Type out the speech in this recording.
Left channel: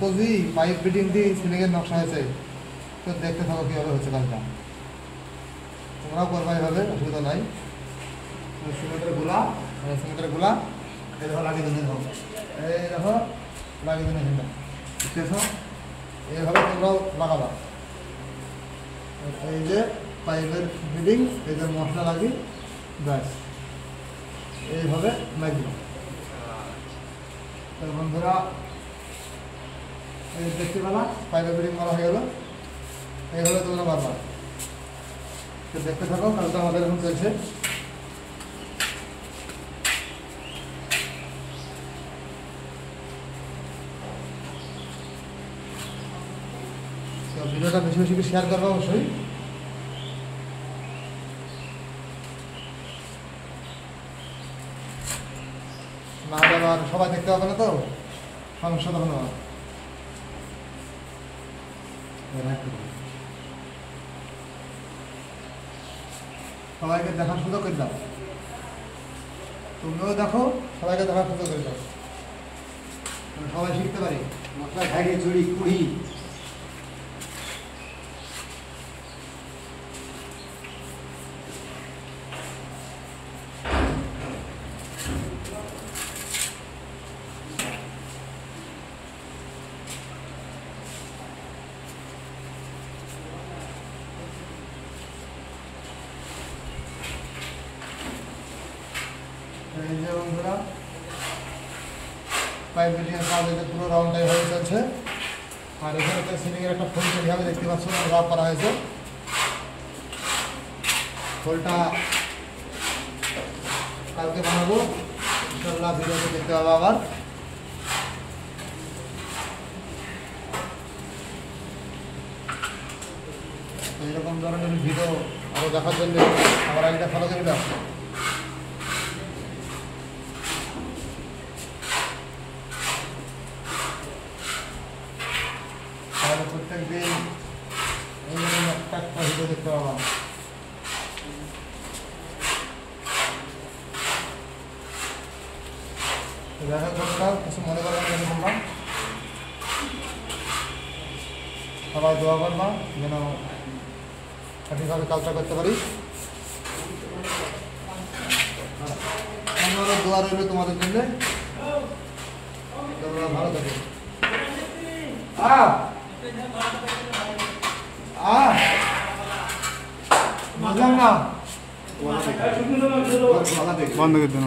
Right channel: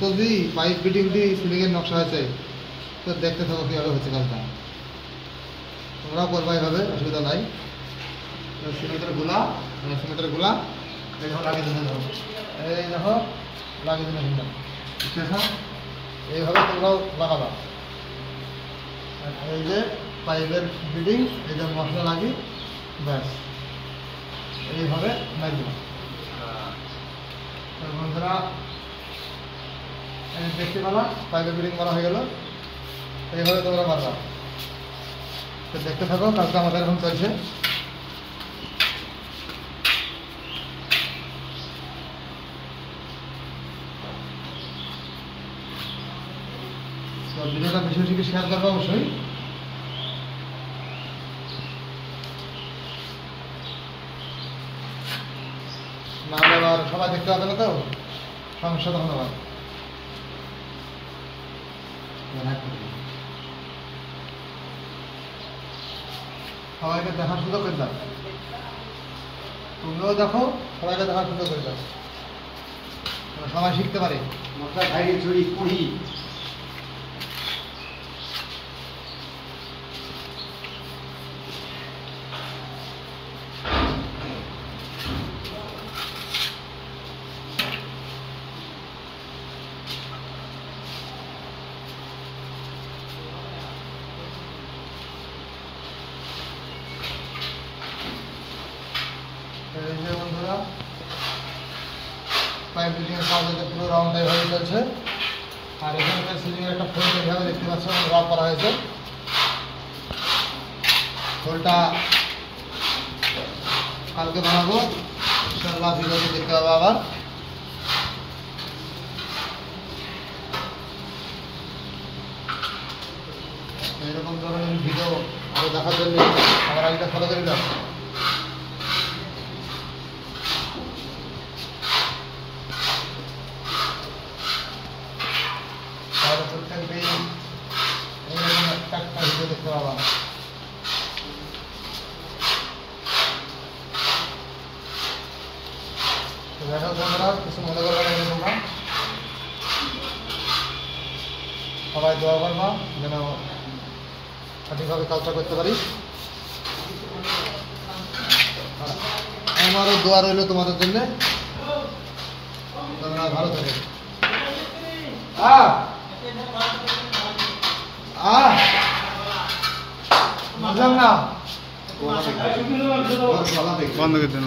Dostojee pipe fitting দিয়ে সিলিংয়ের নকশা আছে, তো দেখতে থাকো কীভাবে হচ্ছে কাজটা। তোমরাও করবা এভাবে, অসুবিধা নাই। সিমেন্টের গোলা এই দেখো লাগিয়ে দিলে দেখো, এই দেখো লাগিয়ে দিলে সুন্দর, বুঝতে পেরেছ? এইভাবে তোমরাও লাগাবা। এই যে পাইপের ফিটিং, এই যে মশলা লাগি, ব্যাস এইভাবে লাগবে। বন্ধুরা দেখতে পেলা পাইপের ফিটিং মারা হয়ে গেল, এইভাবে তোমরা মারবা। তো দেখতে থাকো, কাজটা আমাদের এখন চলছে। তো ভিডিওটা বেশি বেশি শেয়ার করবো অবশ্যই। না আবার সবাই দেখতে পাবে না, তো সমস্যা তখন আবার। সবাইকে দেখার সুযোগ করে দাও, তোমরাও দেখো, সবাইকে দেখার সুযোগ করে দাও, সবাই শিখতে পারে। মশলা খাইয়ে চুরি কুড়ি বন্ধুরা পাইপ ফিটিংয়ের কাজ হচ্ছে পুরো রাউন্ডটাই হয়ে চলছে। আর এখানে সিলিংয়ের একটা ফোল্ড এইভাবে দেখতে পাচ্ছ রাব করা হয়েছে। ফোল্ডটা কালকে বানাবো, ইনশাআল্লাহ ভিডিওতে দেখতে পাবো আবার। এরকম ধরনের ভিডিও আরও দেখার জন্য আমার আইডিটা ফলো করে দাও। তাহলে প্রত্যেক দিন এই একটা ভিডিও দেখতে পাবা। দেখা বন্ধুরা, কিছু মনে করবা না, তোমরা সবাই দোয়া করবা যেন সঠিকভাবে কাজটা করতে পারি। আমারও দোয়া রইল তোমাদের জন্য, তোমরা ভালো থাকবে। বুঝলাম না, বন্ধ করে দেন।